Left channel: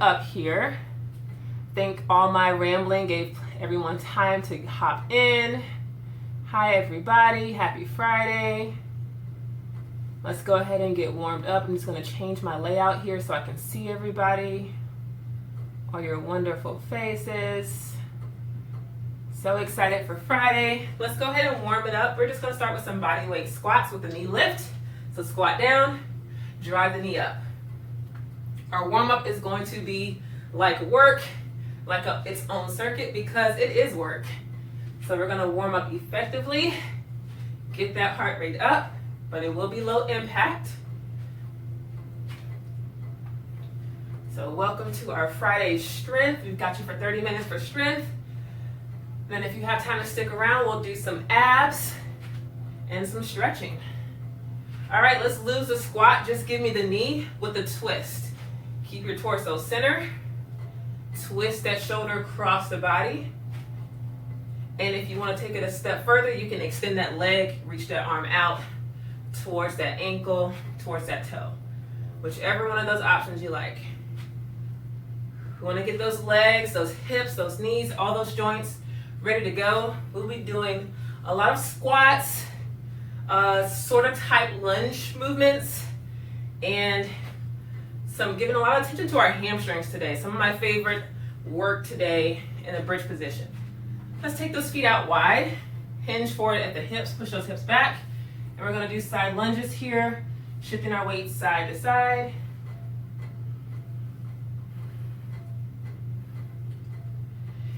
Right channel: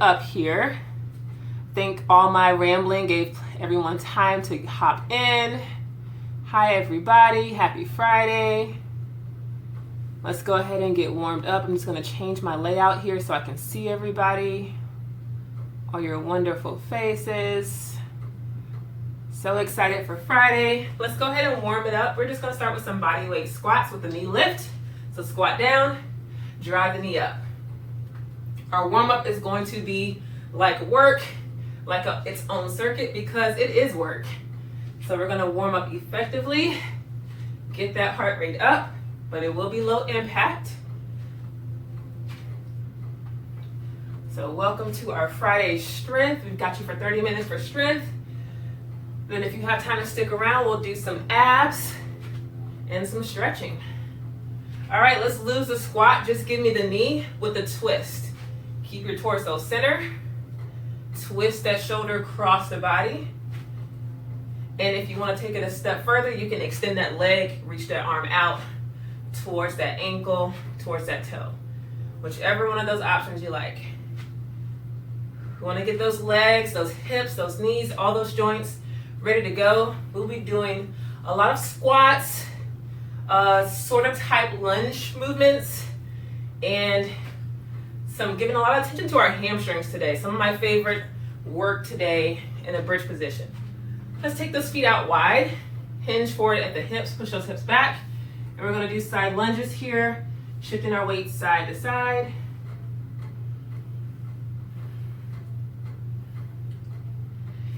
Up here. Think all my rambling gave everyone time to hop in. Hi everybody, happy Friday. Let's go ahead and get warmed up. I'm just going to change my layout here so I can see everybody. All your wonderful faces. So excited for Friday. Let's go ahead and warm it up. We're just going to start with some body weight squats with the knee lift. So squat down, drive the knee up. Our warm up is going to be like work, like its own circuit, because it is work. So we're going to warm up effectively, get that heart rate up, but it will be low impact. So welcome to our Friday strength. We've got you for 30 minutes for strength. Then if you have time to stick around, we'll do some abs and some stretching. All right, let's lose the squat. Just give me the knee with the twist. Keep your torso center. Twist that shoulder across the body. And if you want to take it a step further, you can extend that leg, reach that arm out towards that ankle, towards that toe. Whichever one of those options you like. You want to get those legs, those hips, those knees, all those joints ready to go. We'll be doing a lot of squats, sort of type lunge movements, and giving a lot of attention to our hamstrings today. Some of my favorite work today in a bridge position. Let's take those feet out wide, hinge forward at the hips, push those hips back, and we're going to do side lunges here, shifting our weight side to side.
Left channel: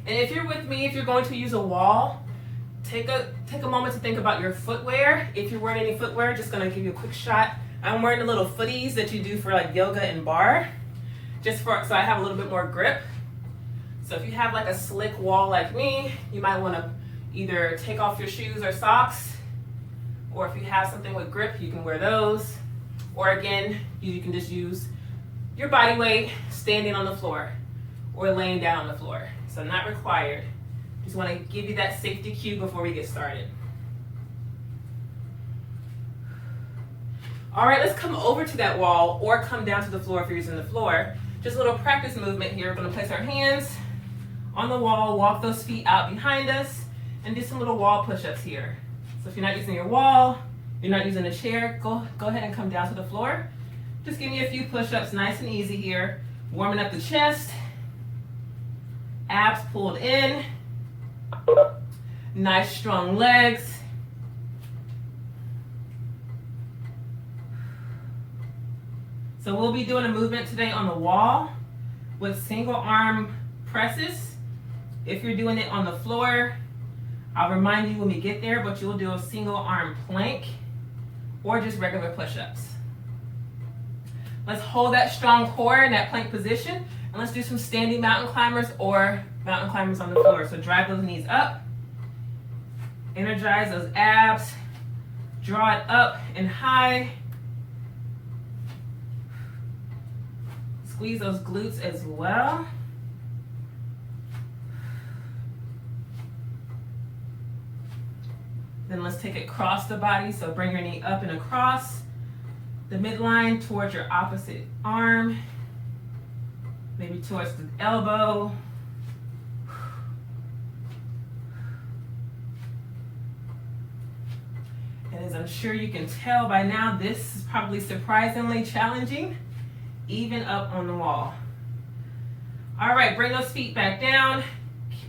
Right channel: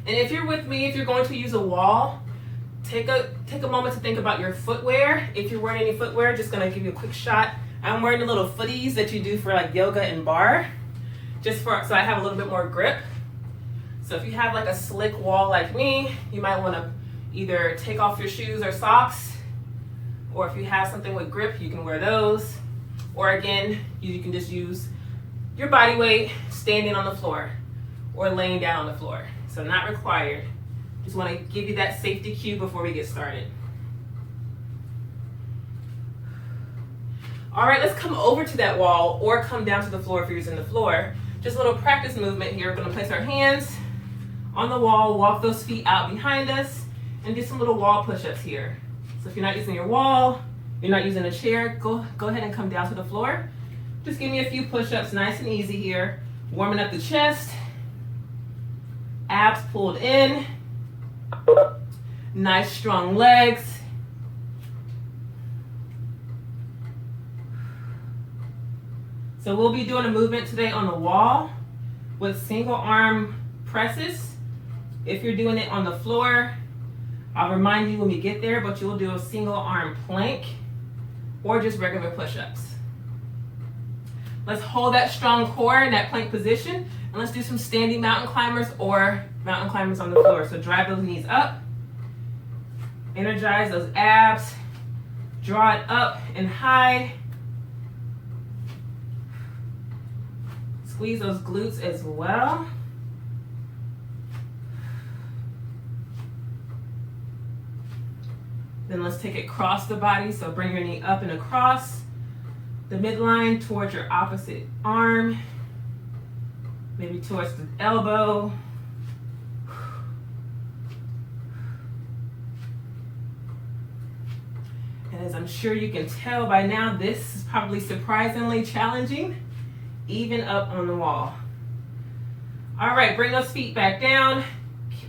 And if you're with me, if you're going to use a wall, take a moment to think about your footwear. If you're wearing any footwear, just going to give you a quick shot. I'm wearing the little footies that you do for like yoga and bar, so I have a little bit more grip. So if you have like a slick wall like me, you might want to either take off your shoes or socks, or if you have something with grip, you can wear those. Or again, you can just use your body weight standing on the floor or laying down on the floor. So not required. Just want to give you that safety cue before we get started. All right, let's come over to that wall or come down to the floor if you're using the floor. Just a little practice movement here. We're going to place our hands on the wall, walk those feet out behind us, and do some little wall push-ups here. So if you're not using your wall, you're not using a chair, go ahead and come down to the floor. Just give me a few push-ups, nice and easy here. Warming up the chest, abs pulled in, nice strong legs. So we'll be doing a movement today on the wall with single arm presses. If you're doing it on the floor, I'll remind you when we get there, but you'll do a single arm plank or just regular push-ups. Let's hold that strong core in that plank position, and let's do some standing mountain climbers or mountain climbers on the floor. So drive those knees up, energize those abs, draw it up and high. Squeeze those glutes as well. Then let's take it across the body. So bring your knee up and across the midline towards your opposite arm, maybe towards the elbow. And as I'm sure you can tell by now, this is probably surprisingly challenging, even up on the wall. All right, bring those feet back down,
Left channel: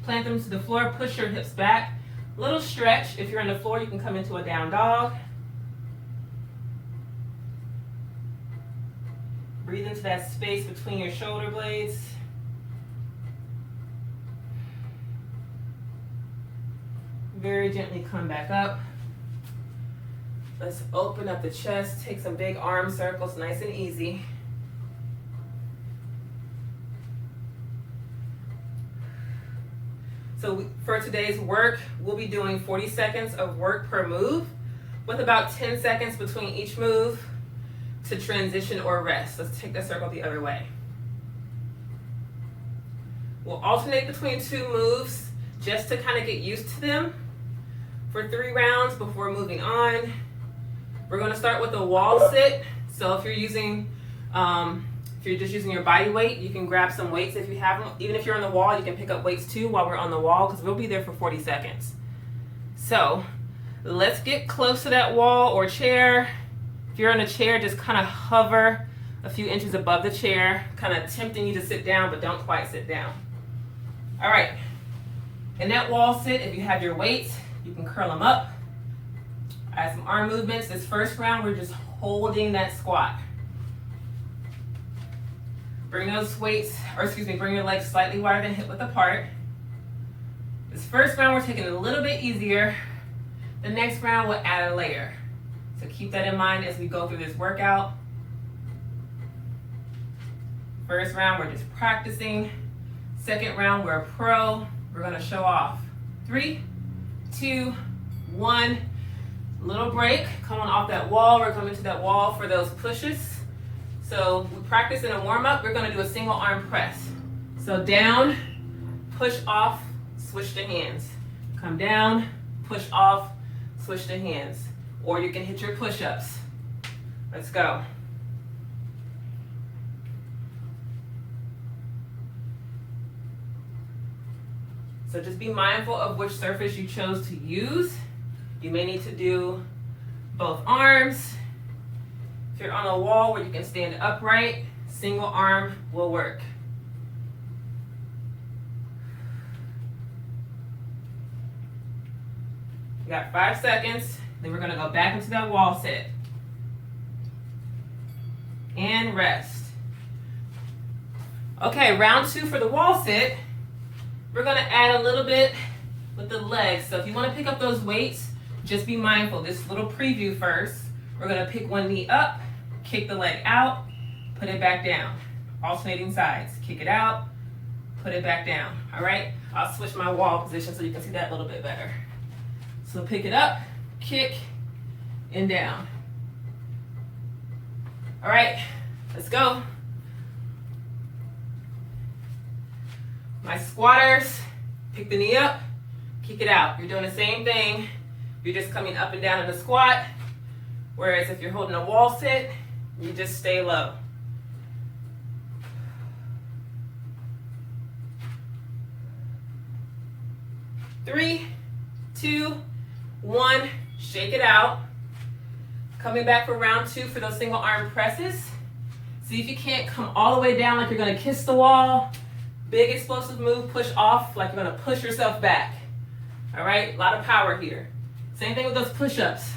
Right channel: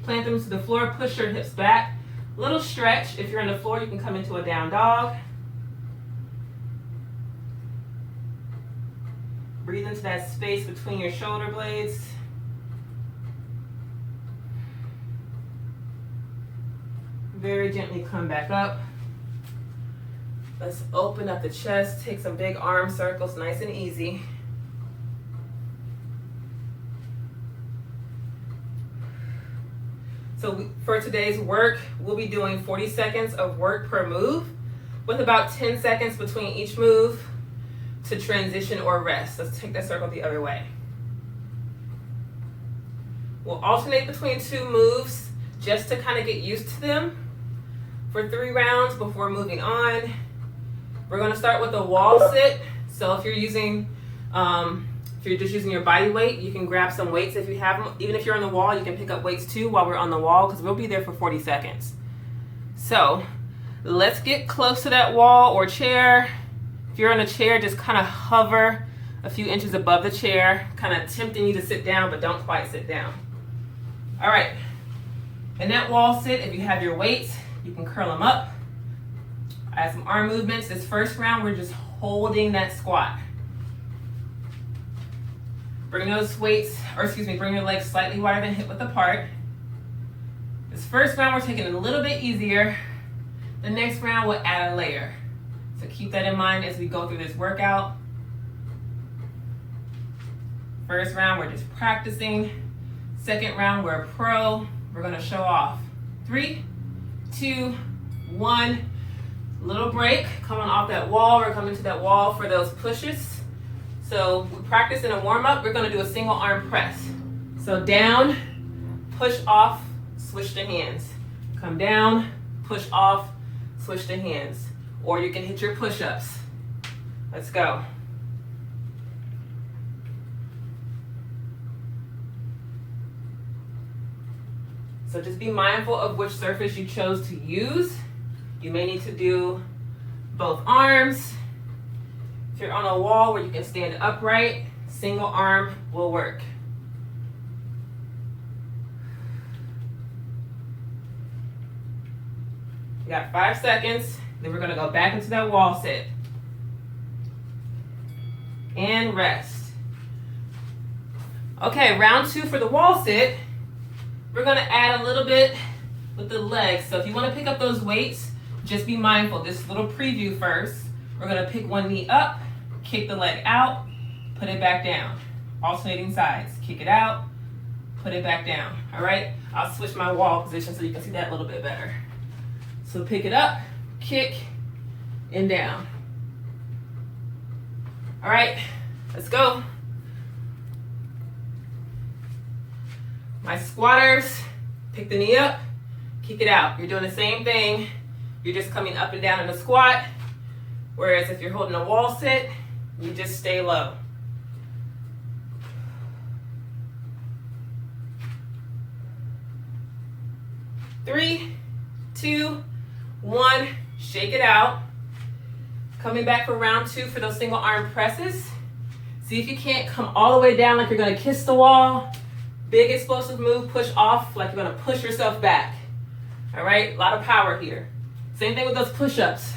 plant them to the floor, push your hips back. Little stretch. If you're on the floor, you can come into a down dog. Breathe into that space between your shoulder blades. Very gently come back up. Let's open up the chest, take some big arm circles, nice and easy. So for today's work, we'll be doing 40 seconds of work per move with about 10 seconds between each move to transition or rest. Let's take that circle the other way. We'll alternate between two moves just to kind of get used to them for 3 rounds before moving on. We're going to start with a wall sit. So if you're using If you're just using your body weight, you can grab some weights if you have them. Even if you're on the wall, you can pick up weights too while we're on the wall, because we'll be there for 40 seconds. So let's get close to that wall or chair. If you're on a chair, just kind of hover a few inches above the chair, kind of tempting you to sit down, but don't quite sit down. All right, in that wall sit, if you have your weights, you can curl them up. Add some arm movements. This first round, we're just holding that squat. Bring those weights, or excuse me, bring your legs slightly wider than hip width apart. This first round, we're taking it a little bit easier. The next round, we'll add a layer. So keep that in mind as we go through this workout. First round, we're just practicing. Second round, we're a pro. We're gonna show off. 3, 2, 1. Little break, coming off that wall. We're coming to that wall for those pushes. So we practice in a warm up, we're gonna do a single arm press. So down, push off, switch to hands. Come down, push off, switch to hands. Or you can hit your push-ups. Let's go. So just be mindful of which surface you chose to use. You may need to do both arms. If you're on a wall where you can stand upright, single arm will work. We got 5 seconds, then we're gonna go back into that wall sit. And rest. Okay, round 2 for the wall sit. We're gonna add a little bit with the legs. So if you wanna pick up those weights, just be mindful. This little preview first. We're gonna pick one knee up, kick the leg out, put it back down. Alternating sides. Kick it out, put it back down. All right? I'll switch my wall position so you can see that a little bit better. So pick it up, kick, and down. All right, let's go. My squatters, pick the knee up, kick it out. You're doing the same thing. You're just coming up and down in the squat. Whereas if you're holding a wall sit, you just stay low. Three, 2, 1, shake it out. Coming back for round 2 for those single arm presses. See if you can't come all the way down like you're gonna kiss the wall. Big explosive move, push off like you're gonna push yourself back. All right, a lot of power here. Same thing with those push-ups.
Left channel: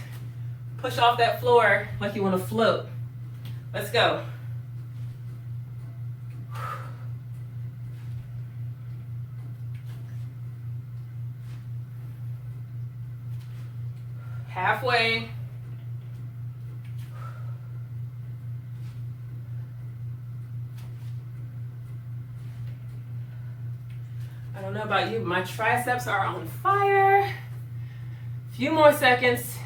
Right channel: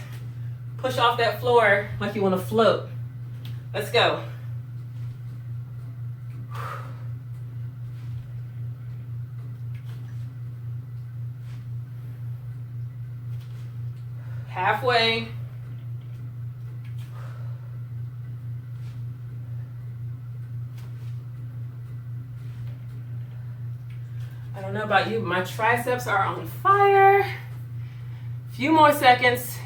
Push off that floor like you wanna float. Let's go. Halfway. I don't know about you, but my triceps are on fire. Few more seconds.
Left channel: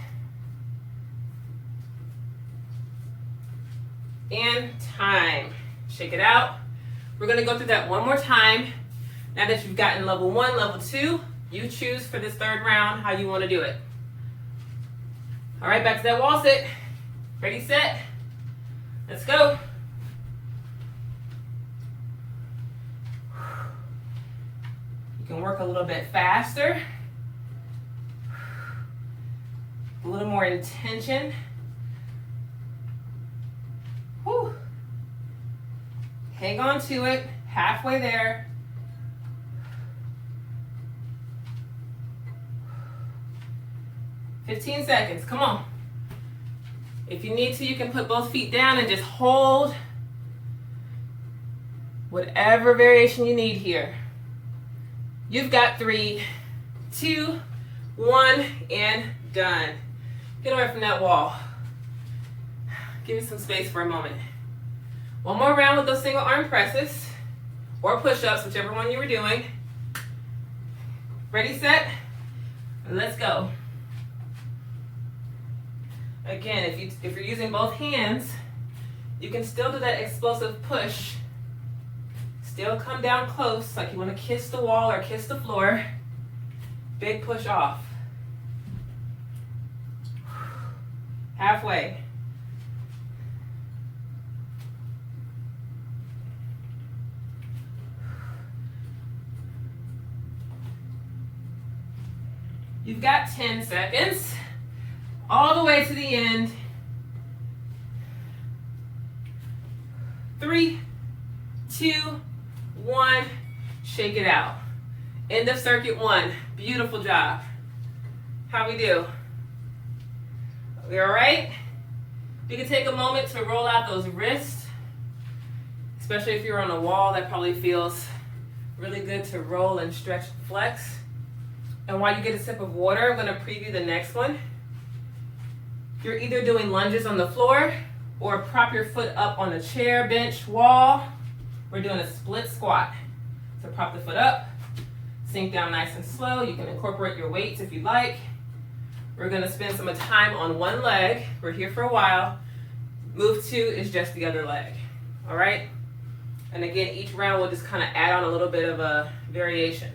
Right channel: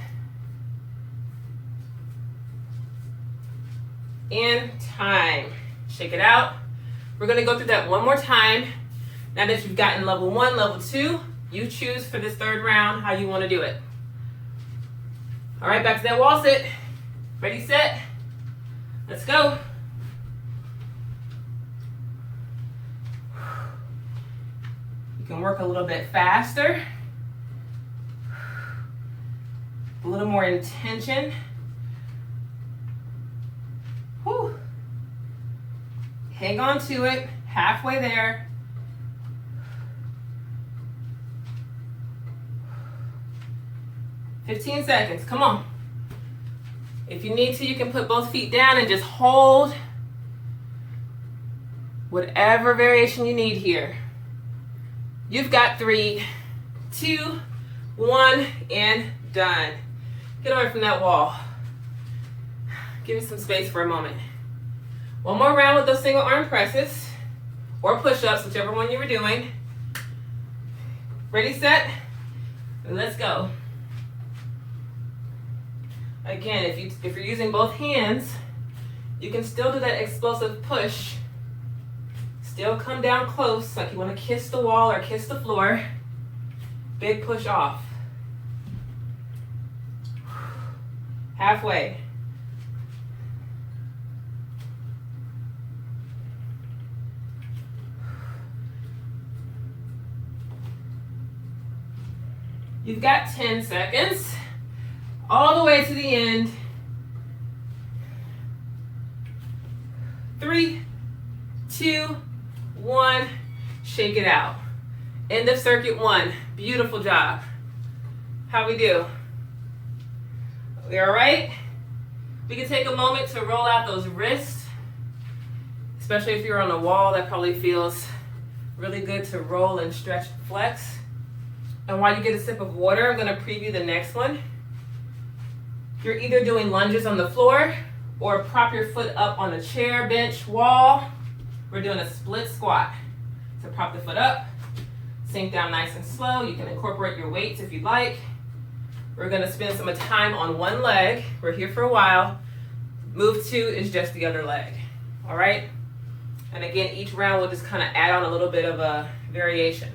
And time. Shake it out. We're gonna go through that one more time. Now that you've gotten level 1, level 2, you choose for this 3rd round how you wanna do it. All right, back to that wall sit. Ready, set, let's go. You can work a little bit faster, a little more intention. Whew. Hang on to it, halfway there. "15 seconds, come on. If you need to, you can put both feet down and just hold whatever variation you need here. You've got 3, 2, 1, and done. Get away from that wall. Give me some space for a moment. One more round with those single arm presses or push-ups, whichever one you were doing. Ready, set, and let's go. Again, if you're using both hands, you can still do that explosive push. Still come down close, like you want to kiss the wall or kiss the floor. Big push off. Halfway. You've got 10 seconds, all the way to the end. 3, 2, 1, shake it out. End of circuit 1, beautiful job. How we do? We all right? We can take a moment to roll out those wrists, especially if you're on a wall. That probably feels really good to roll and stretch and flex. And while you get a sip of water, I'm gonna preview the next one. You're either doing lunges on the floor or prop your foot up on a chair, bench, wall. We're doing a split squat. So prop the foot up, sink down nice and slow. You can incorporate your weights if you'd like. We're gonna spend some time on one leg. We're here for a while. Move 2 is just the other leg, all right? And again, each round we'll just kind of add on a little bit of a variation.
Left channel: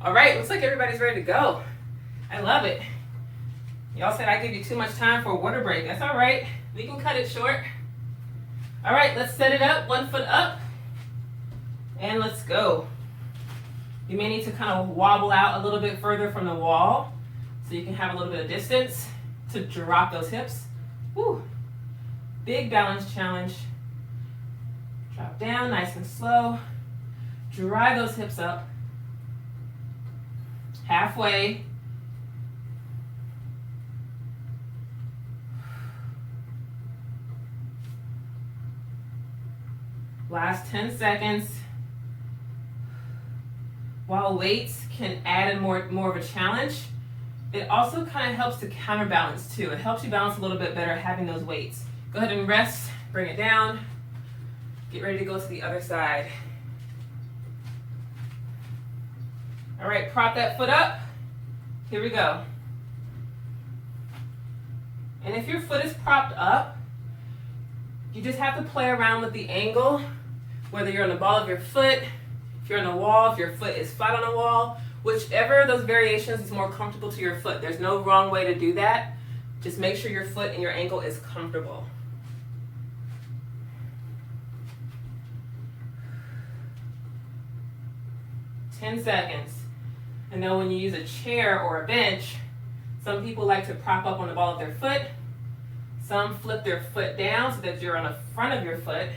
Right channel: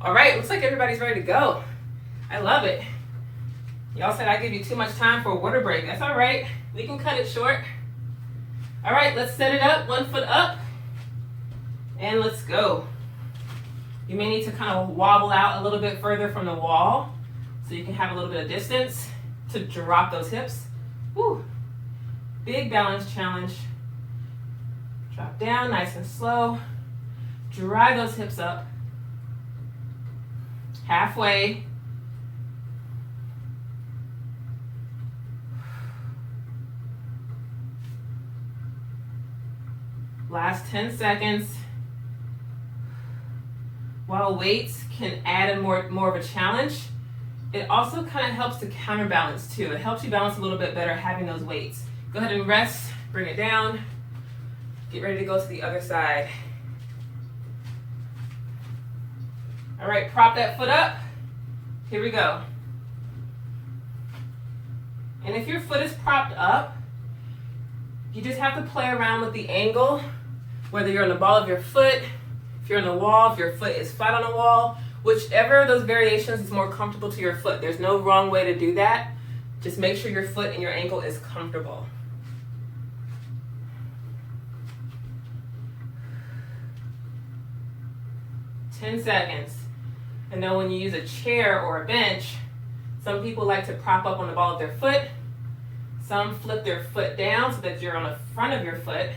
All right, looks like everybody's ready to go. I love it. Y'all said I give you too much time for a water break. That's all right, we can cut it short. All right, let's set it up, 1 foot up, and let's go. You may need to kind of wobble out a little bit further from the wall so you can have a little bit of distance to drop those hips. Woo. Big balance challenge. Drop down nice and slow. Drive those hips up. Halfway. Last 10 seconds. While weights can add more of a challenge, it also kind of helps to counterbalance too. It helps you balance a little bit better having those weights. Go ahead and rest, bring it down. Get ready to go to the other side. All right, prop that foot up. Here we go. And if your foot is propped up, you just have to play around with the angle, whether you're on the ball of your foot, if you're on the wall, if your foot is flat on a wall, whichever of those variations is more comfortable to your foot. There's no wrong way to do that. Just make sure your foot and your ankle is comfortable. Ten seconds. And then when you use a chair or a bench, some people like to prop up on the ball of their foot. Some flip their foot down so that you're on the front of your foot.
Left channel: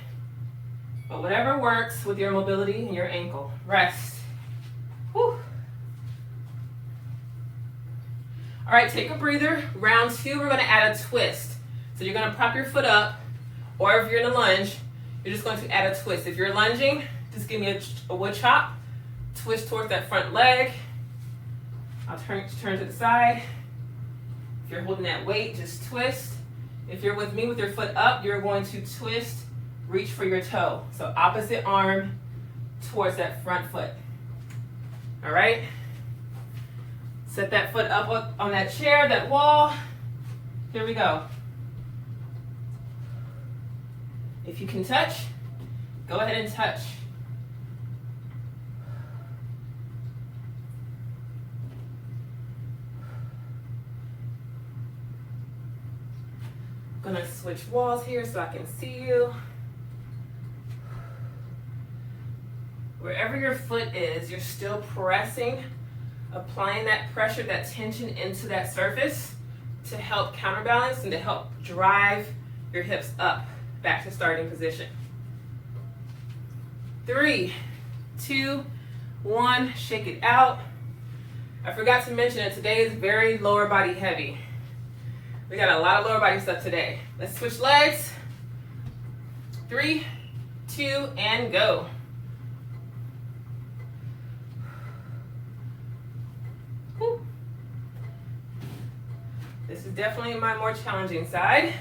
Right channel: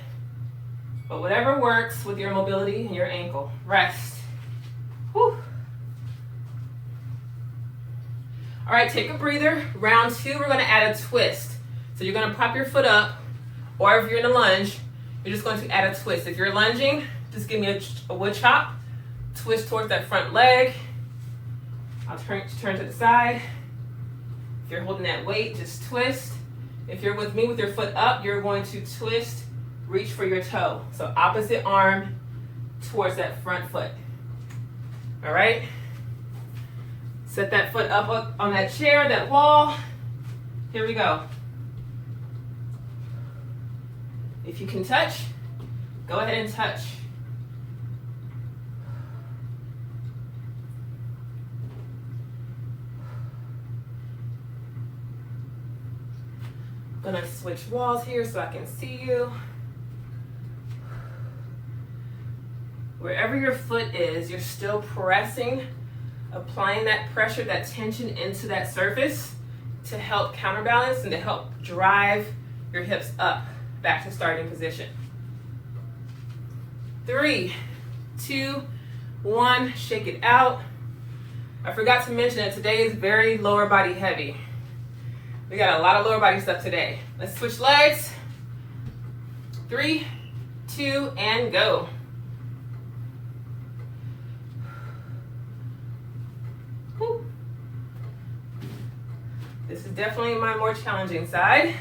But whatever works with your mobility and your ankle. Rest. Whew. All right, take a breather. Round 2, we're gonna add a twist. So you're gonna prop your foot up, or if you're in a lunge, you're just going to add a twist. If you're lunging, just give me a wood chop. Twist towards that front leg. I'll turn to the side. If you're holding that weight, just twist. If you're with me with your foot up, you're going to twist, reach for your toe. So opposite arm towards that front foot. All right? Set that foot up on that chair, that wall. Here we go. If you can touch, go ahead and touch. I'm gonna switch walls here so I can see you. Wherever your foot is, you're still pressing, applying that pressure, that tension into that surface to help counterbalance and to help drive your hips up back to starting position. 3, 2, 1, shake it out. I forgot to mention that today is very lower body heavy. We got a lot of lower body stuff today. Let's switch legs. 3, 2, and go. Whew. This is definitely my more challenging side.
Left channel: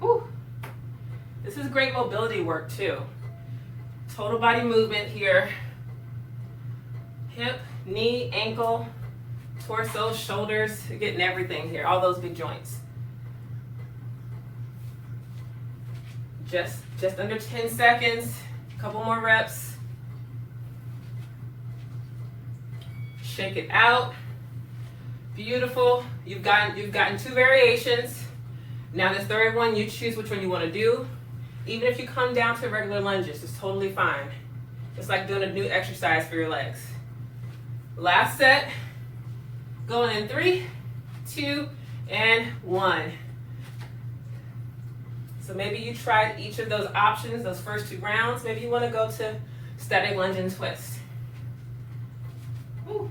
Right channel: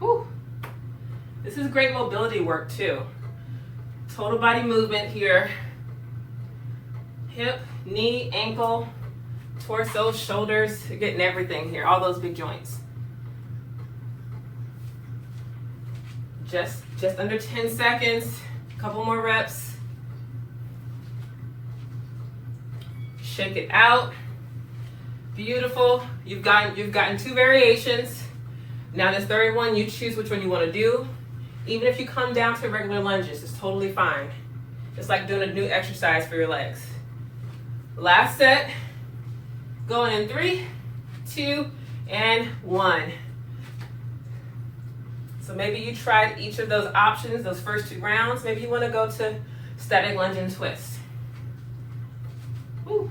Whew. This is great mobility work too. Total body movement here. Hip, knee, ankle, torso, shoulders, you're getting everything here, all those big joints. Just under 10 seconds, a couple more reps. Shake it out. Beautiful. You've gotten 2 variations. Now this third one, you choose which one you want to do. Even if you come down to regular lunges, it's totally fine. It's like doing a new exercise for your legs. Last set, going in 3, 2, and 1. So maybe you tried each of those options, those first 2 rounds. Maybe you want to go to static lunge and twist. Woo.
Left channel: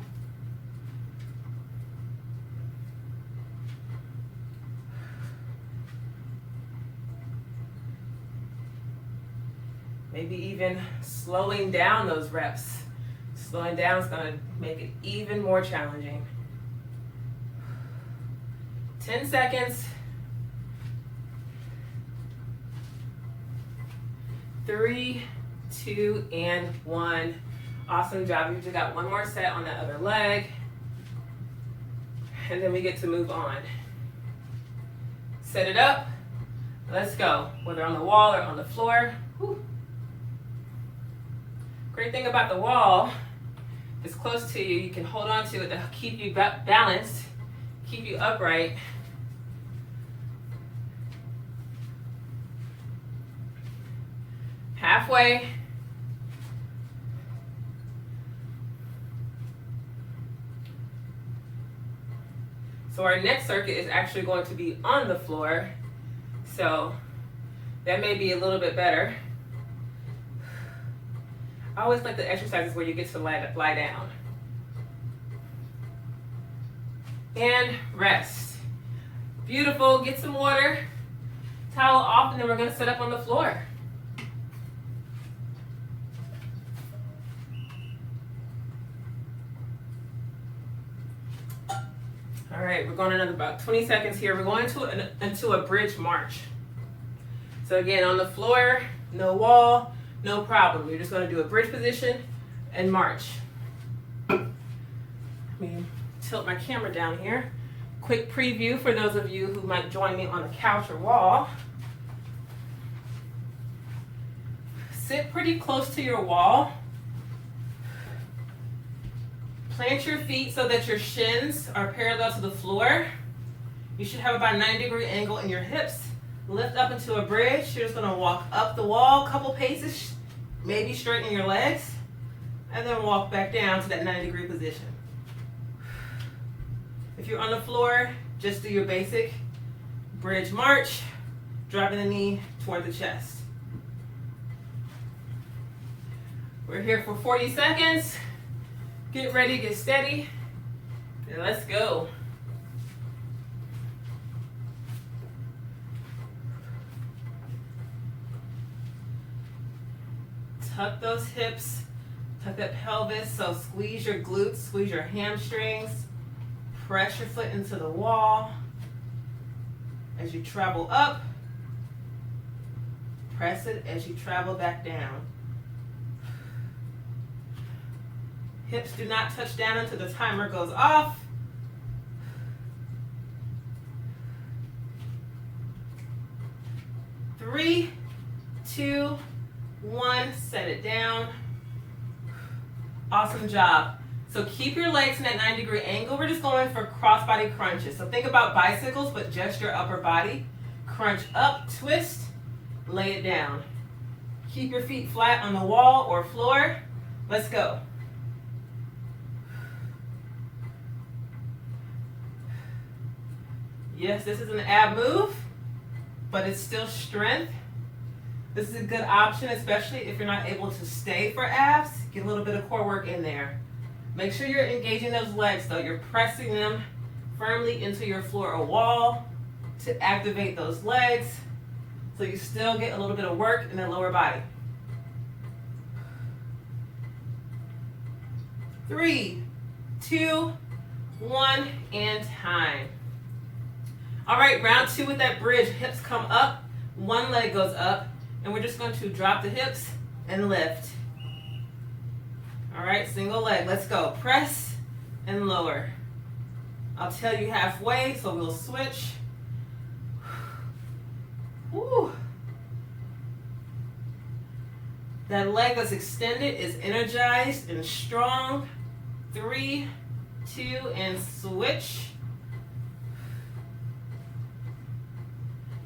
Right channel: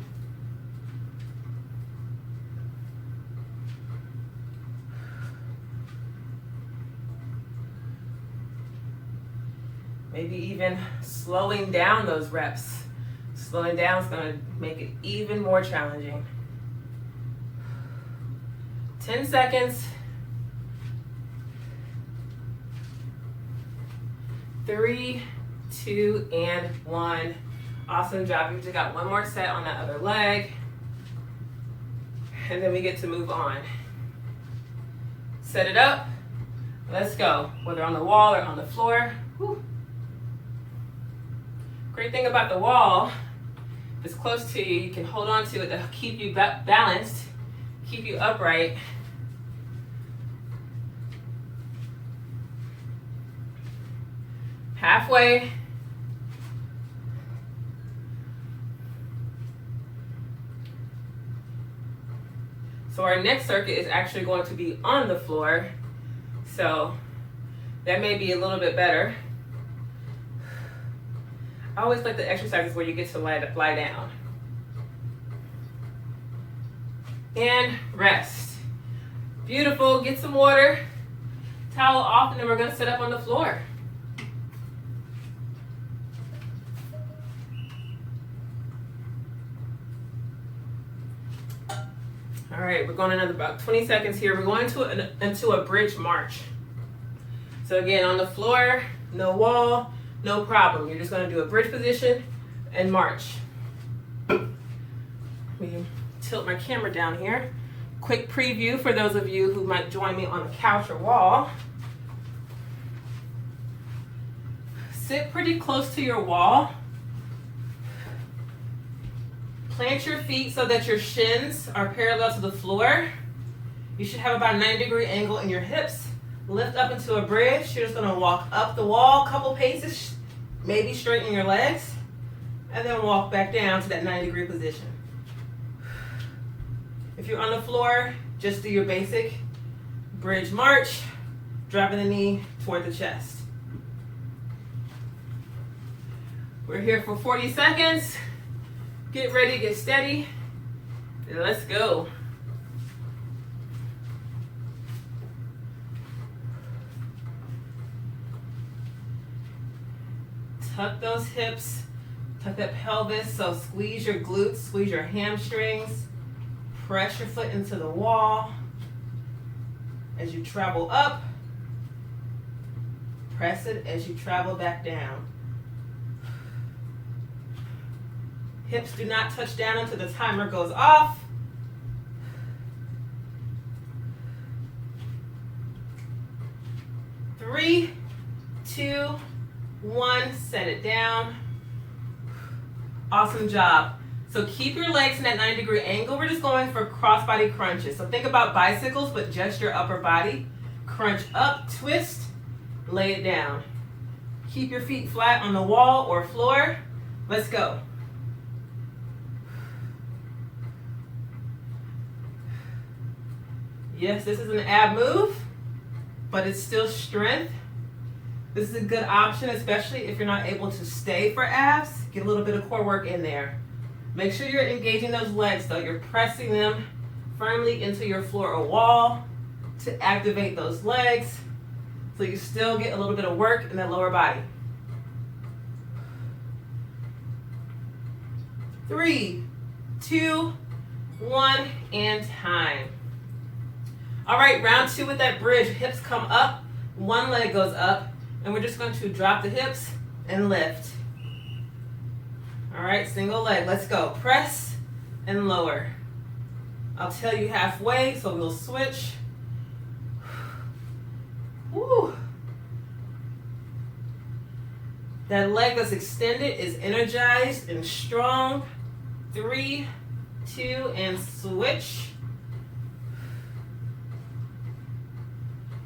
Maybe even slowing down those reps. Slowing down is going to make it even more challenging. 10 seconds. 3, 2, and 1. Awesome job. You just got one more set on that other leg. And then we get to move on. Set it up. Let's go. Whether on the wall or on the floor. Whew. Great thing about the wall, if it's close to you, you can hold on to it to keep you balanced, keep you upright. Halfway. So our next circuit is actually going to be on the floor. So that may be a little bit better. I always like the exercises where you get to lie down. And rest. Beautiful. Get some water, towel off, and then we're going to sit up on the floor. All right, we're going another about 20 seconds here. We're going into a bridge march. So again, on the floor, no wall, no problem. You're just going to do a bridge position and march. Let me tilt my camera down here. Quick preview for those of you who might join me on the couch or wall. Sit pretty close to your wall. Plant your feet so that your shins are parallel to the floor. You should have about a 90-degree angle in your hips. Lift up into a bridge. You're just going to walk up the wall a couple paces, maybe straighten your legs, and then walk back down to that 90-degree position. If you're on the floor, just do your basic bridge march, dropping the knee toward the chest. We're here for 40 seconds. Get ready, get steady, and let's go. Tuck those hips, tuck that pelvis, so squeeze your glutes, squeeze your hamstrings, press your foot into the wall. As you travel up, press it as you travel back down. Hips do not touch down until the timer goes off. Three, 2, 1, set it down. Awesome job. So keep your legs in that 90-degree angle. We're just going for crossbody crunches. So think about bicycles, but just your upper body. Crunch up, twist, lay it down. Keep your feet flat on the wall or floor. Let's go. Yes, this is an ab move, but it's still strength. This is a good option, especially if you're not able to stay for abs. Get a little bit of core work in there. Make sure you're engaging those legs though. You're pressing them firmly into your floor or wall to activate those legs so you still get a little bit of work in the lower body. 3, 2, 1, and time. All right, round 2 with that bridge. Hips come up, one leg goes up, and we're just going to drop the hips and lift. All right, single leg, let's go. Press and lower. I'll tell you halfway, so we'll switch. Woo. That leg that's extended is energized and strong. 3, 2, and switch.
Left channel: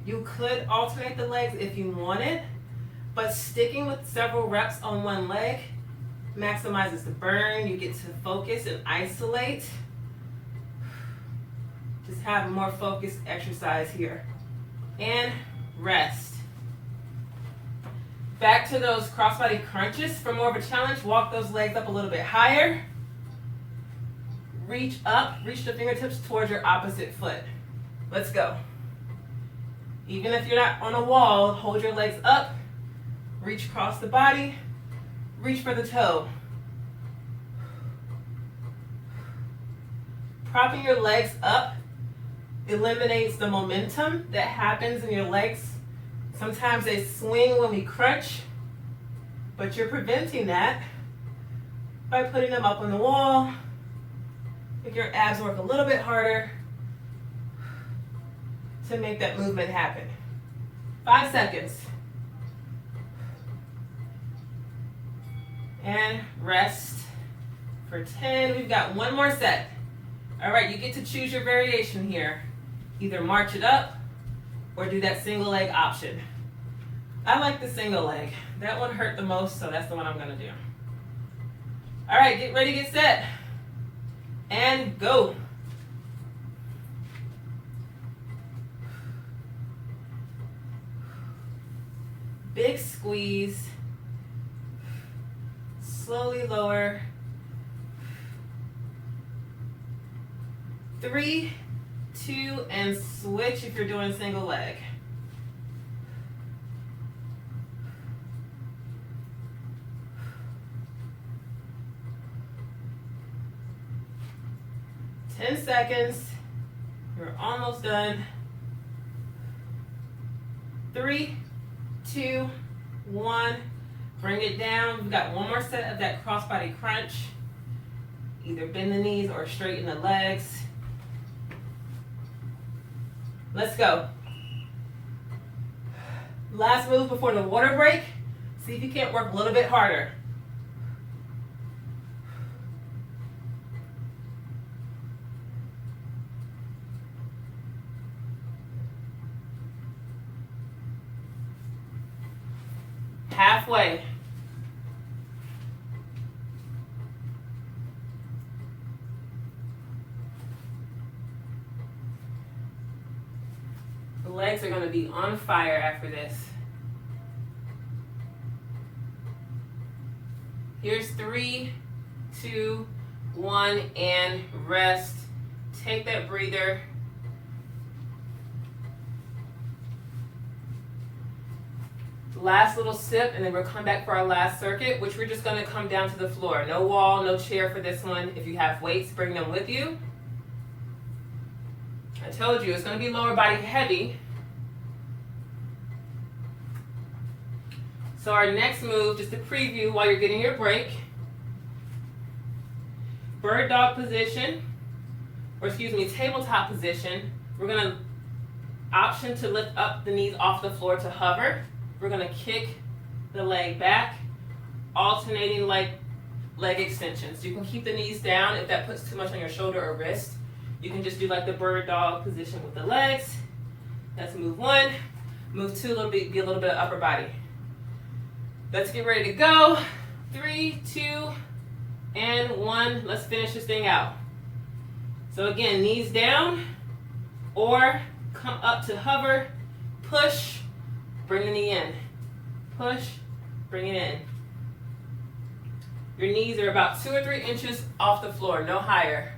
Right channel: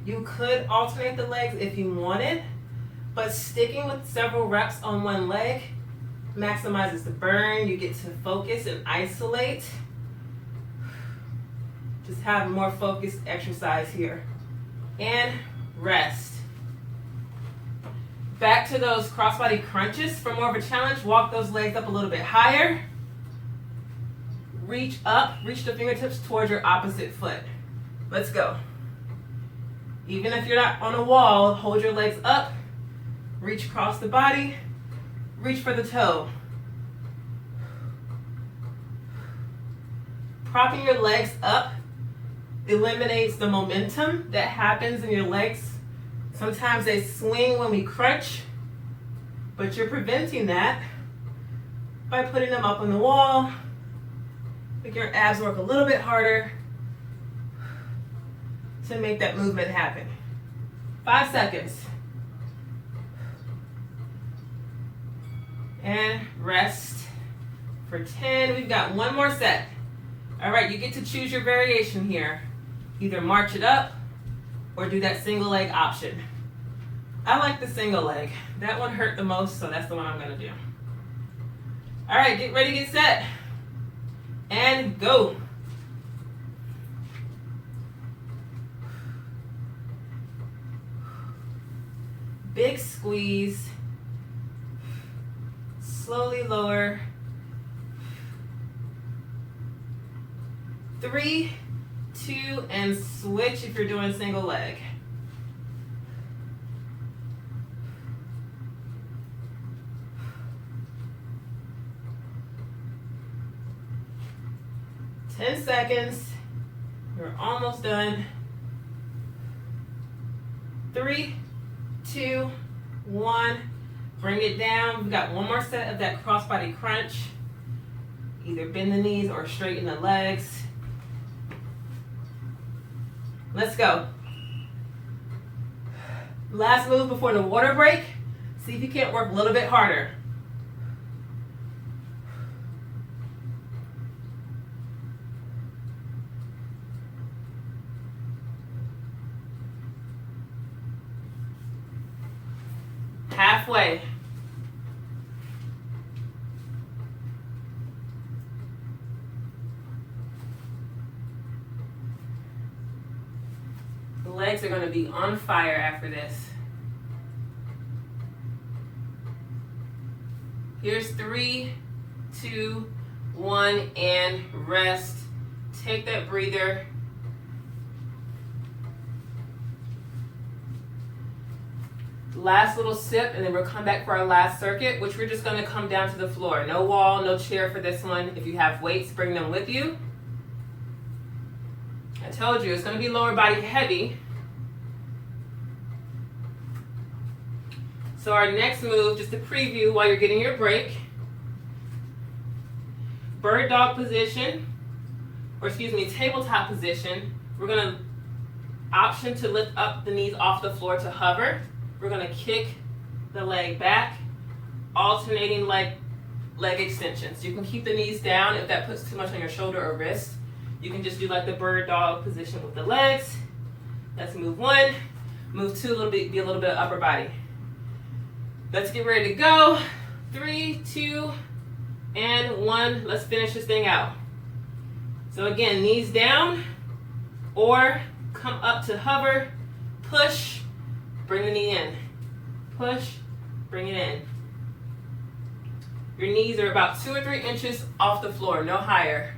You could alternate the legs if you wanted. but sticking with several reps on one leg maximizes the burn. You get to focus and isolate. Just have more focused exercise here. And rest. Back to those crossbody crunches. For more of a challenge, walk those legs up a little bit higher. Reach up, reach the fingertips towards your opposite foot. Let's go. Even if you're not on a wall, hold your legs up, reach across the body, reach for the toe. Propping your legs up eliminates the momentum that happens in your legs. Sometimes they swing when we crunch, but you're preventing that by putting them up on the wall. Make your abs work a little bit harder to make that movement happen. 5 seconds. And rest for 10. We've got one more set. All right, you get to choose your variation here. Either march it up or do that single leg option. I like the single leg. That one hurt the most, so that's the one I'm gonna do. All right, get ready, get set. And go. Big squeeze. Slowly lower. 3, 2, and switch if you're doing single leg. Ten seconds. You're almost done. 3, 2, 1. Bring it down. We've got one more set of that crossbody crunch. Either bend the knees or straighten the legs. Let's go. Last move before the water break. See if you can't work a little bit harder. Halfway. The legs are going to be on fire after this. Here's 3, 2, 1, and rest. Take that breather. Last little sip, and then we'll come back for our last circuit, which we're just going to come down to the floor. No wall, no chair for this one. If you have weights, bring them with you. I told you, it's going to be lower body heavy. So our next move, just to preview while you're getting your break, bird dog position, or excuse me, tabletop position. We're going to option to lift up the knees off the floor to hover. We're going to kick the leg back, alternating leg extensions. You can keep the knees down if that puts too much on your shoulder or wrist. You can just do like the bird dog position with the legs. That's move 1. Move 2, be a little bit of upper body. Let's get ready to go. 3, 2, and 1. Let's finish this thing out. So again, knees down, or come up to hover, push, bring the knee in. Push, bring it in. Your knees are about 2 or 3 inches off the floor, no higher.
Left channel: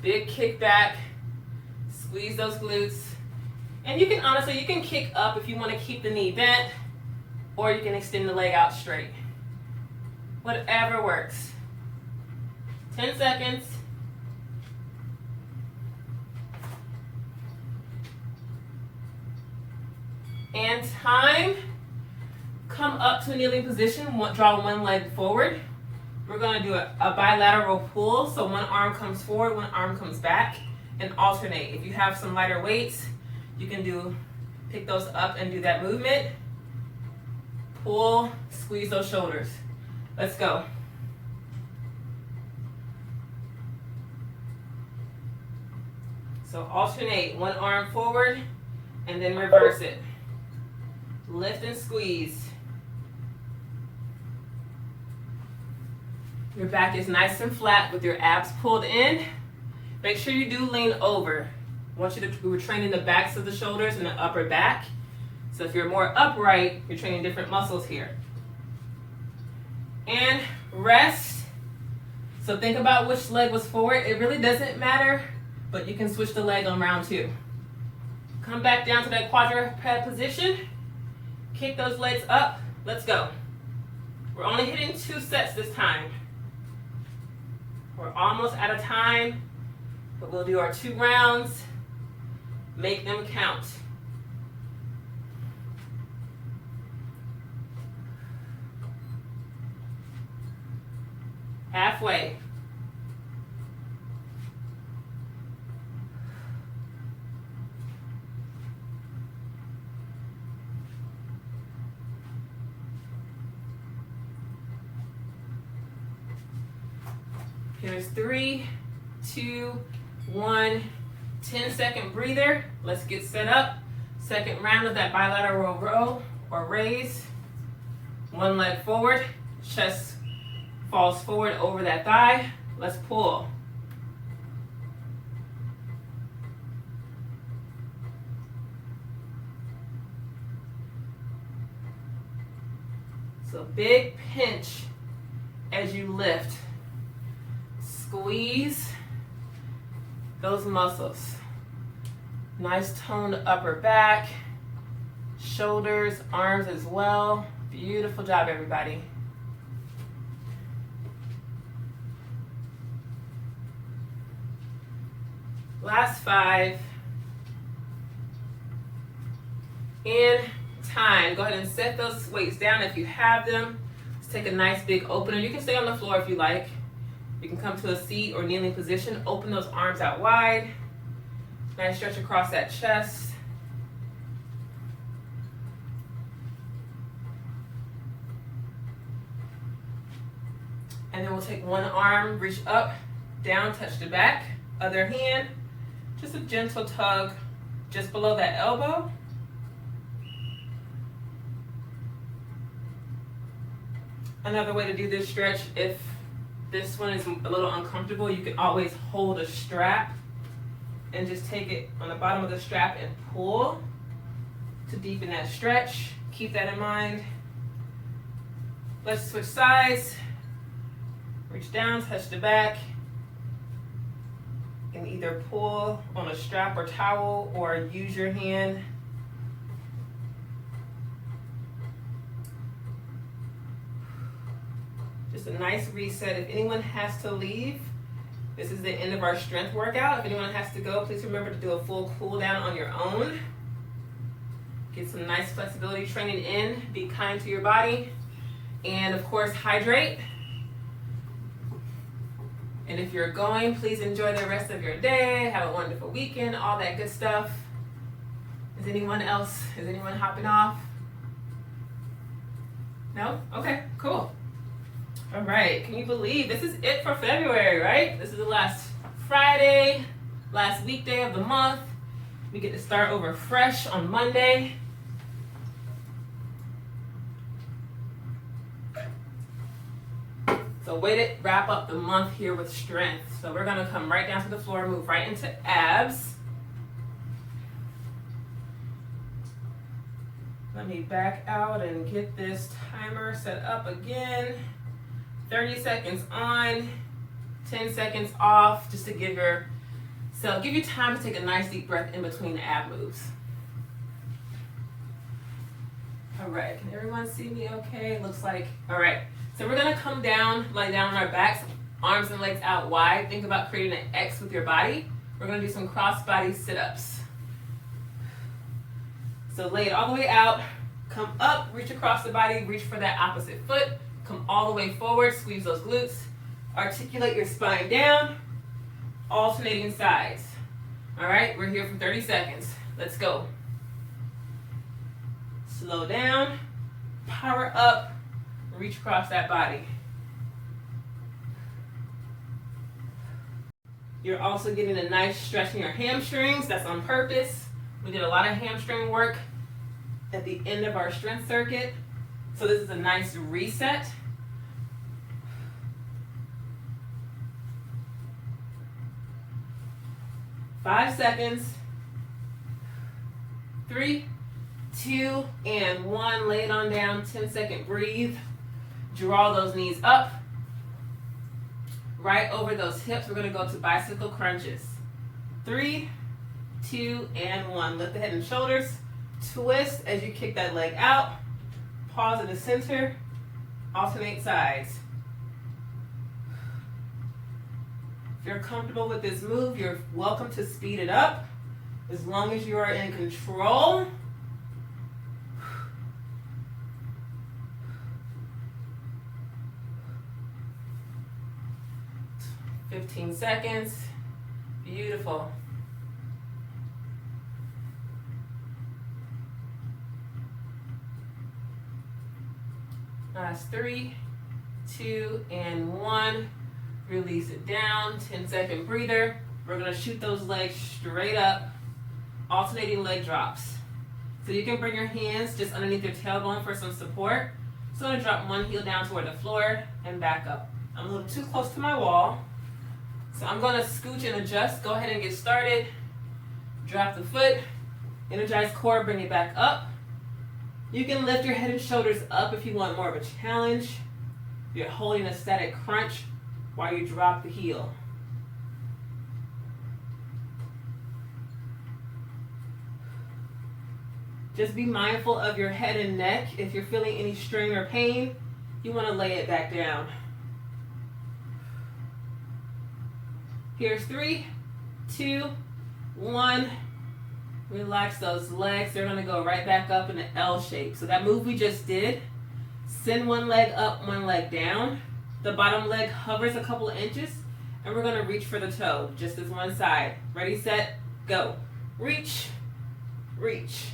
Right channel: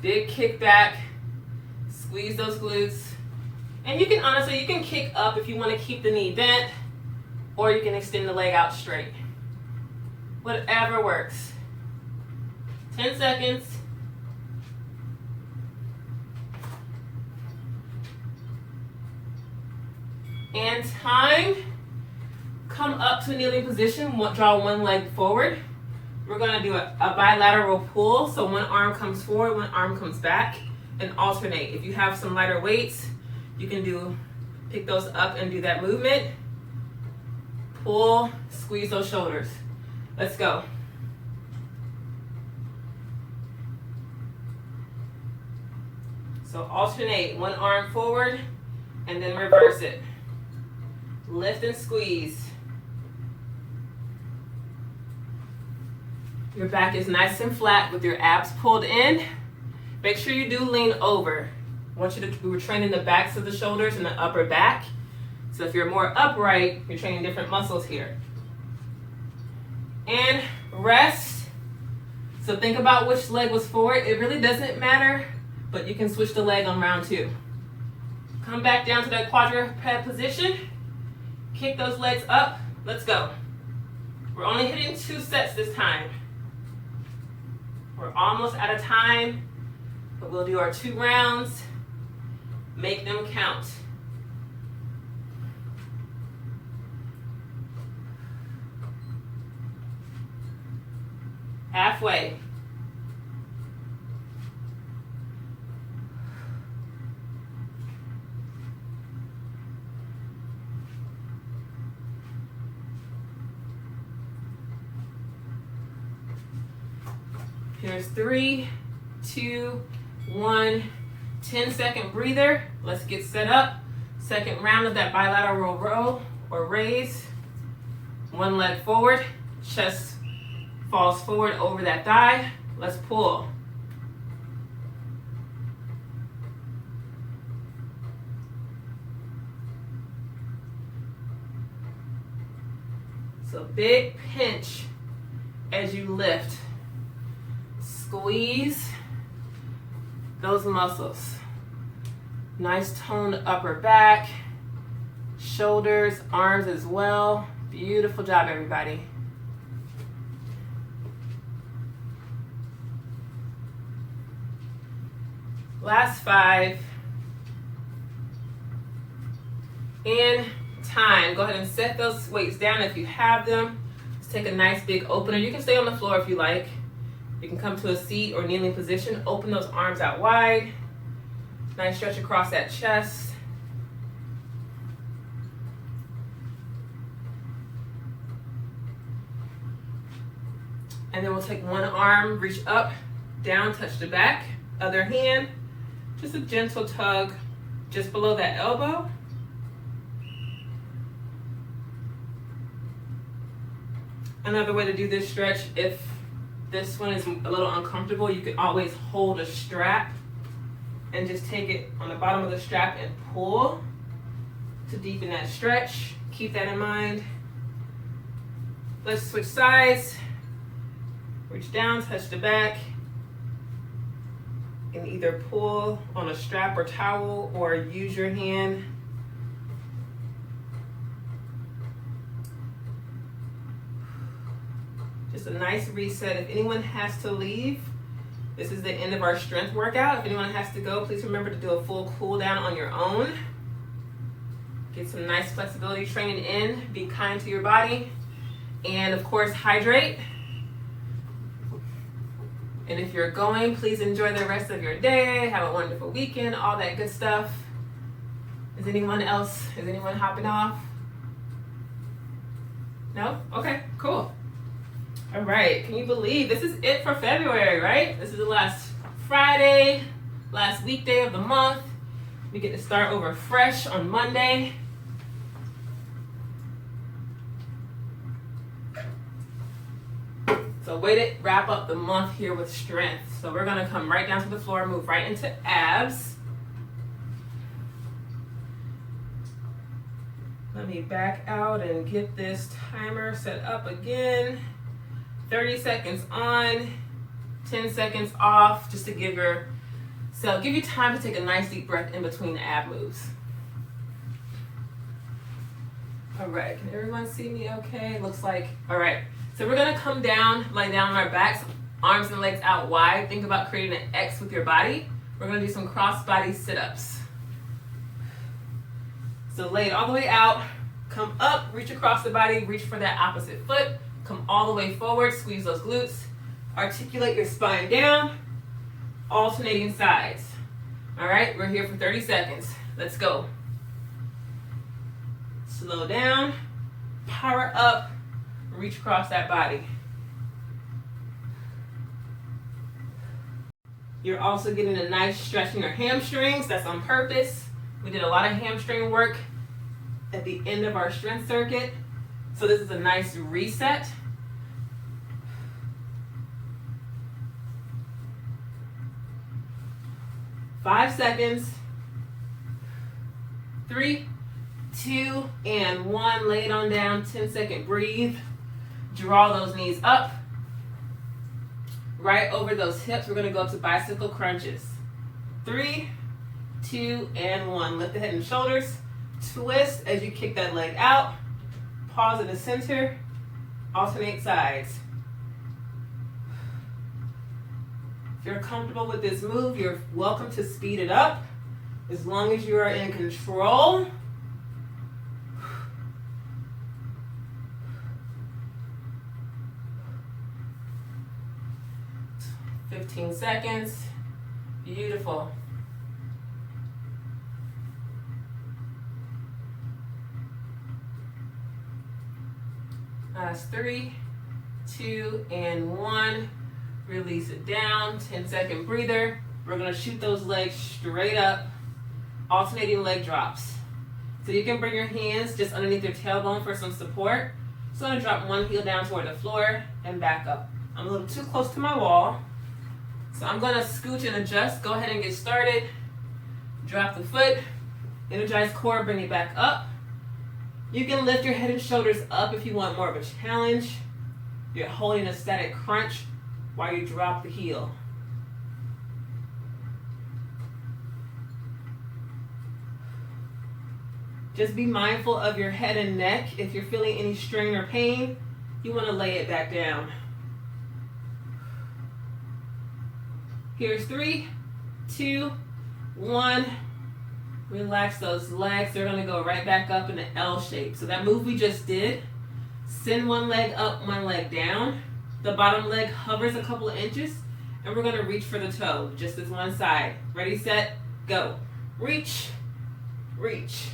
Big kick back, squeeze those glutes. And you can honestly, you can kick up if you want to keep the knee bent, or you can extend the leg out straight. Whatever works. 10 seconds. And time. Come up to a kneeling position, draw one leg forward. We're gonna do a bilateral pull, so one arm comes forward, one arm comes back, and alternate. If you have some lighter weights, you can pick those up and do that movement. Pull, squeeze those shoulders. Let's go. So alternate, one arm forward, and then reverse it. Lift and squeeze. Your back is nice and flat with your abs pulled in. Make sure you do lean over. I want you to, we're training the backs of the shoulders and the upper back. So if you're more upright, you're training different muscles here. And rest. So think about which leg was forward. It really doesn't matter, but you can switch the leg on round 2. Come back down to that quadruped position. Kick those legs up. Let's go. We're only hitting 2 sets this time. We're almost out of time, but we'll do our 2 rounds. Make them count. Halfway. Here's 3, 2, 1. 10-second breather. Let's get set up. Second round of that bilateral row or raise. One leg forward. Chest falls forward over that thigh. Let's pull. So big pinch as you lift. Squeeze those muscles. Nice toned upper back, shoulders, arms as well. Beautiful job, everybody. Last 5. And time. Go ahead and set those weights down if you have them. Let's take a nice big opener. You can stay on the floor if you like. You can come to a seat or kneeling position. Open those arms out wide. Nice stretch across that chest. And then we'll take one arm, reach up, down, touch the back. Other hand, just a gentle tug just below that elbow. Another way to do this stretch, if this one is a little uncomfortable, you can always hold a strap and just take it on the bottom of the strap and pull to deepen that stretch. Keep that in mind. Let's switch sides. Reach down, touch the back, and either pull on a strap or towel or use your hand. Just a nice reset. If anyone has to leave, this is the end of our strength workout. If anyone has to go, please remember to do a full cool down on your own. Get some nice flexibility training in. Be kind to your body. And of course, hydrate. And if you're going, please enjoy the rest of your day. Have a wonderful weekend, all that good stuff. Is anyone hopping off? No? Okay, cool. All right, can you believe this is it for February, right? This is the last Friday, last weekday of the month. We get to start over fresh on Monday. So way to wrap up the month here with strength. So we're gonna come right down to the floor, move right into abs. Let me back out and get this timer set up again. 30 seconds on, 10 seconds off, just to give you time to take a nice deep breath in between the ab moves. All right, can everyone see me okay? Looks like, all right. So we're gonna come down, lie down on our backs, arms and legs out wide. Think about creating an X with your body. We're gonna do some crossbody sit-ups. So lay it all the way out, come up, reach across the body, reach for that opposite foot, come all the way forward, squeeze those glutes, articulate your spine down, alternating sides. All right, we're here for 30 seconds. Let's go. Slow down, power up, reach across that body. You're also getting a nice stretch in your hamstrings. That's on purpose. We did a lot of hamstring work at the end of our strength circuit. So this is a nice reset. Five seconds. 3, 2, and 1. Lay it on down. 10-second breathe. Draw those knees up. Right over those hips. We're going to go to bicycle crunches. 3, 2, and 1. Lift the head and shoulders. Twist as you kick that leg out. Pause in the center. Alternate sides. If you're comfortable with this move, you're welcome to speed it up as long as you are in control. $15 seconds. Beautiful. Last 3, 2, and 1. Release it down. 10-second breather. We're going to shoot those legs straight up. Alternating leg drops. So you can bring your hands just underneath your tailbone for some support. So I'm going to drop one heel down toward the floor and back up. I'm a little too close to my wall. So I'm going to scooch and adjust. Go ahead and get started. Drop the foot. Energize core, bring it back up. You can lift your head and shoulders up if you want more of a challenge. You're holding a static crunch while you drop the heel. Just be mindful of your head and neck. If you're feeling any strain or pain, you want to lay it back down. Here's 3, 2, 1. Relax those legs. They're going to go right back up in the L shape. So that move we just did, send one leg up, one leg down. The bottom leg hovers a couple of inches, and we're going to reach for the toe, just as one side. Ready, set, go. Reach, reach.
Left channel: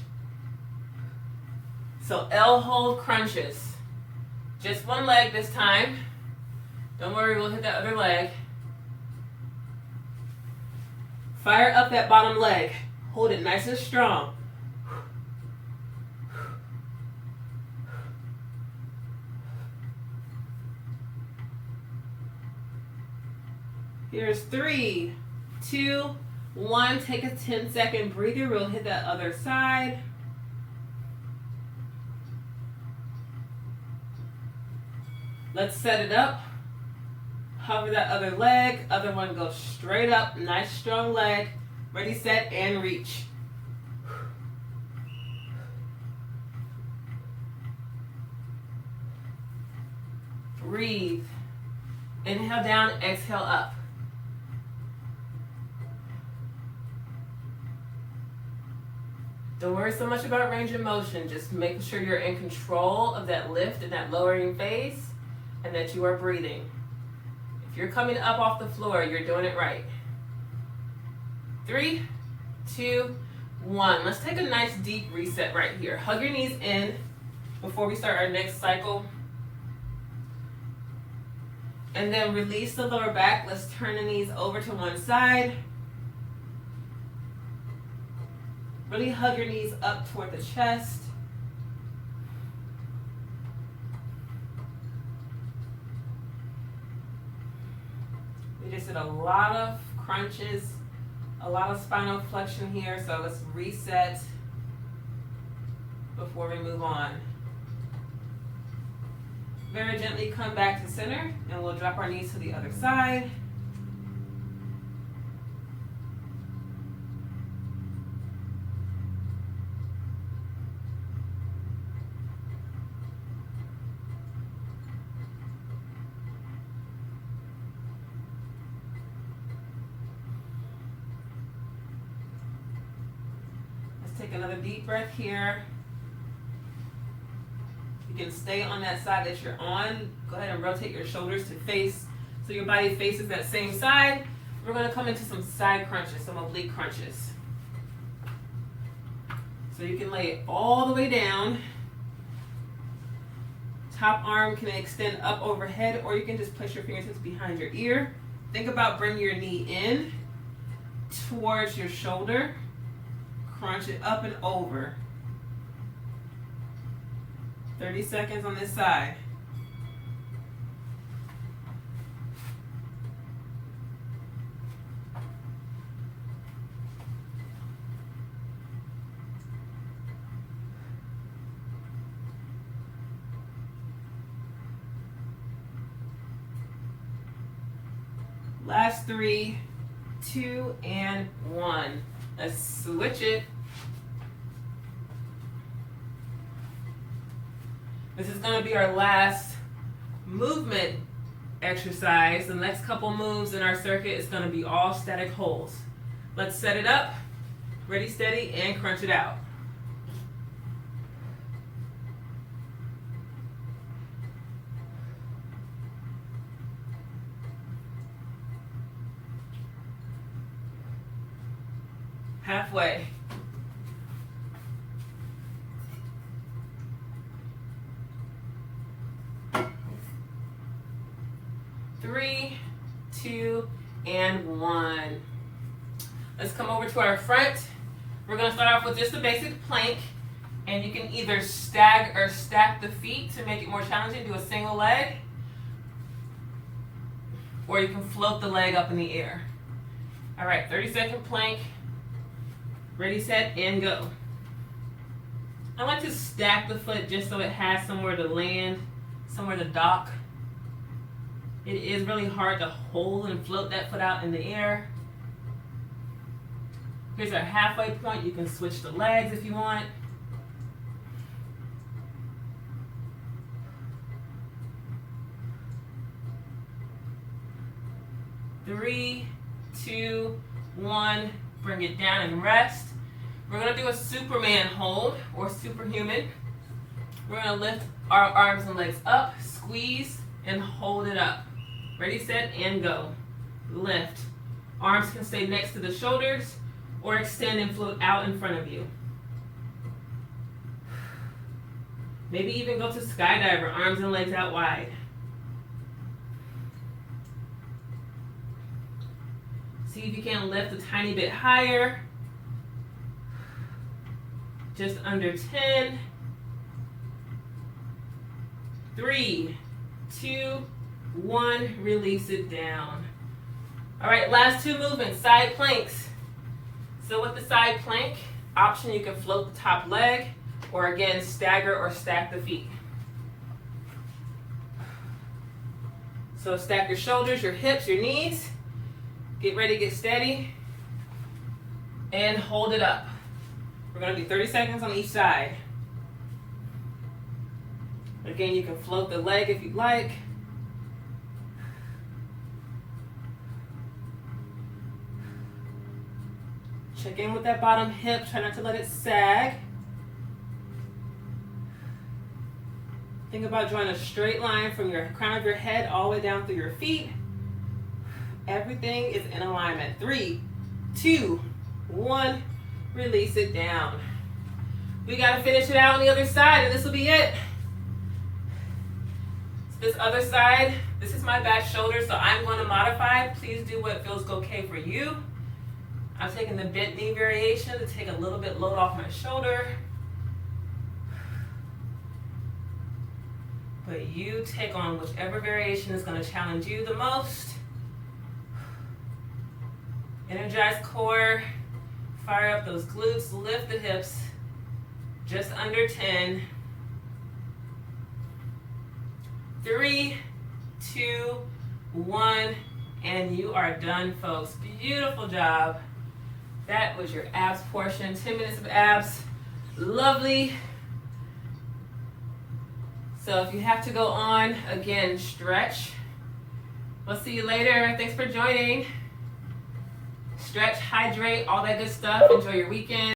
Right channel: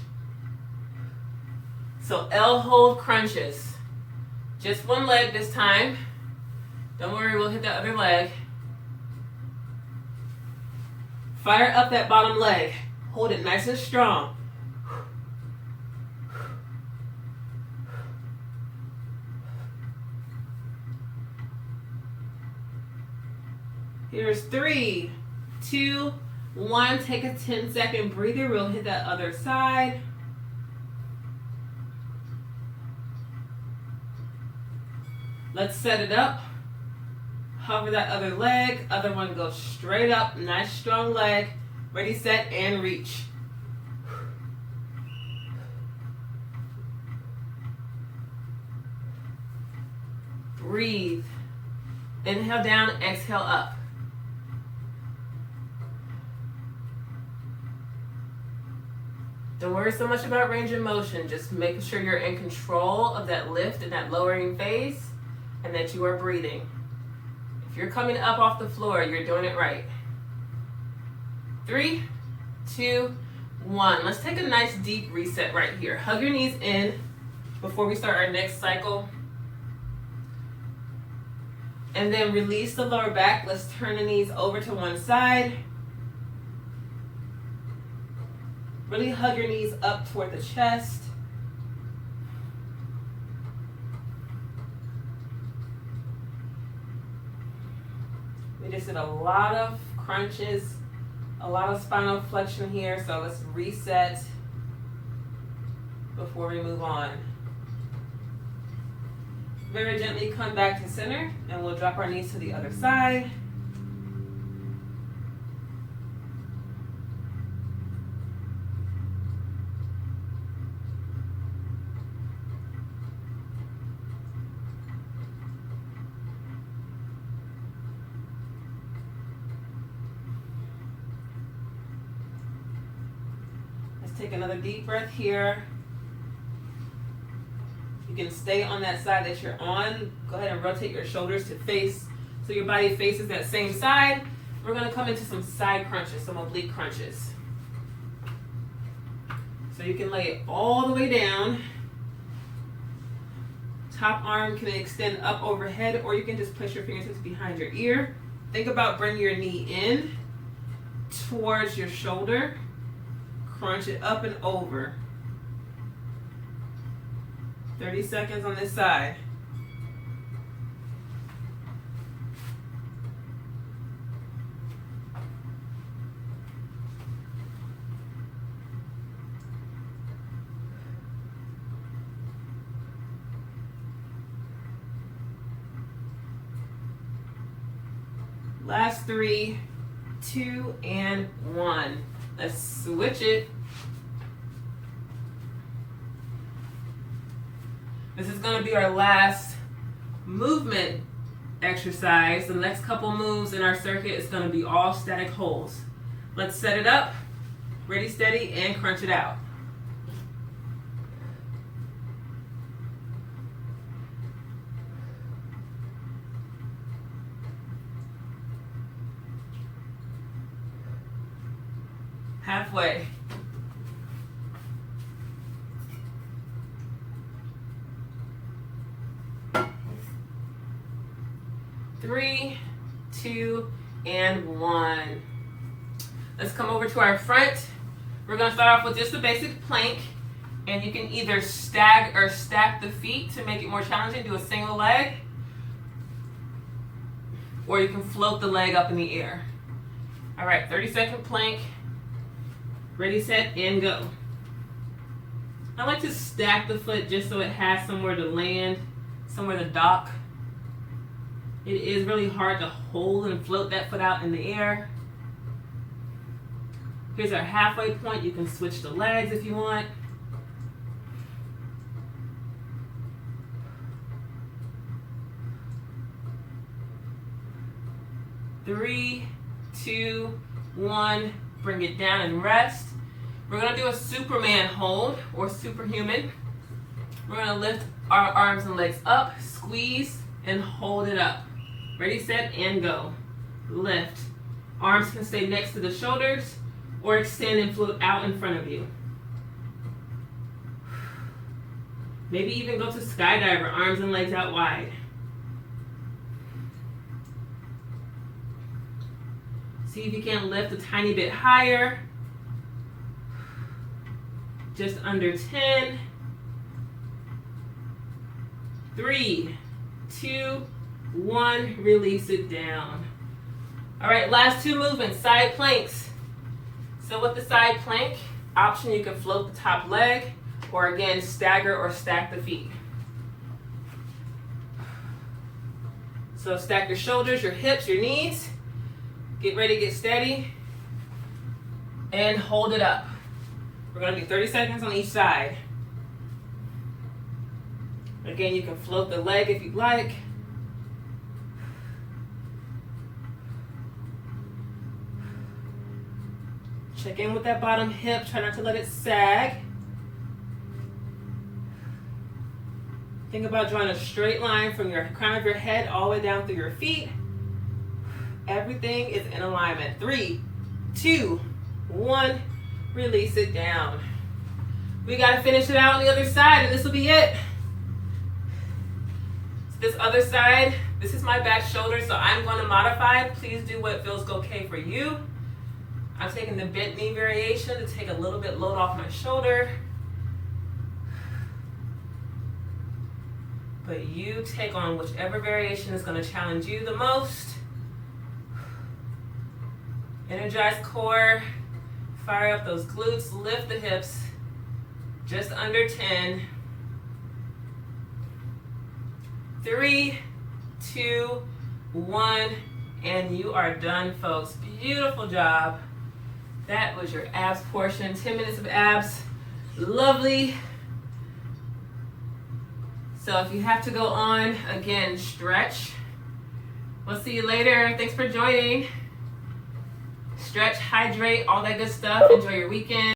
So L hold crunches. Just one leg this time. Don't worry, we'll hit that other leg. Fire up that bottom leg. Hold it nice and strong. Here's 3, 2, 1. Take a 10-second breather. We'll hit that other side. Let's set it up. Hover that other leg. Other one goes straight up. Nice strong leg. Ready, set, and reach. Breathe. Inhale down, exhale up. Don't worry so much about range of motion. Just making sure you're in control of that lift and that lowering phase, and that you are breathing. If you're coming up off the floor, you're doing it right. 3, 2, 1. Let's take a nice deep reset right here. Hug your knees in before we start our next cycle. And then release the lower back. Let's turn the knees over to one side. Really hug your knees up toward the chest. We just did a lot of crunches, a lot of spinal flexion here, so let's reset before we move on. Very gently come back to center, and we'll drop our knees to the other side. Take another deep breath here. You can stay on that side that you're on. Go ahead and rotate your shoulders to face, so your body faces that same side. We're going to come into some side crunches, some oblique crunches. So you can lay it all the way down. Top arm can extend up overhead, or you can just place your fingertips behind your ear. Think about bringing your knee in towards your shoulder. Crunch it up and over. 30 seconds on this side. Last 3, 2, and 1. Let's switch it. This is going to be our last movement exercise. The next couple moves in our circuit is going to be all static holds. Let's set it up. Ready, steady, and crunch it out. Halfway. Three, 2, and 1. Let's come over to our front. We're going to start off with just a basic plank, and you can either stagger or stack the feet to make it more challenging. Do a single leg, or you can float the leg up in the air. All right, 30-second plank. Ready, set, and go. I like to stack the foot just so it has somewhere to land, somewhere to dock. It is really hard to hold and float that foot out in the air. Here's our halfway point. You can switch the legs if you want. Three, 2, 1. Bring it down and rest. We're going to do a Superman hold or superhuman. We're going to lift our arms and legs up, squeeze, and hold it up. Ready, set, and go. Lift. Arms can stay next to the shoulders or extend and float out in front of you. Maybe even go to skydiver, arms and legs out wide. See if you can lift a tiny bit higher. Just under 10. 3, 2, 1. Release it down. All right, last 2 movements, side planks. So with the side plank option, you can float the top leg, or again, stagger or stack the feet. So stack your shoulders, your hips, your knees. Get ready, get steady, and hold it up. We're going to do 30 seconds on each side. Again, you can float the leg if you'd like. Check in with that bottom hip. Try not to let it sag. Think about drawing a straight line from your crown of your head all the way down through your feet. Everything is in alignment. 3, 2, 1. Release it down. We got to finish it out on the other side, and this will be it. This other side, this is my back shoulder, so I'm going to modify. Please do what feels okay for you. I'm taking the bent knee variation to take a little bit load off my shoulder. But you take on whichever variation is going to challenge you the most. Energize core, fire up those glutes, lift the hips, just under 10. 3, 2, 1, and you are done, folks. Beautiful job. That was your abs portion, 10 minutes of abs. Lovely. So if you have to go on, again, stretch. We'll see you later. Thanks for joining. Stretch, hydrate, all that good stuff. Enjoy your weekend.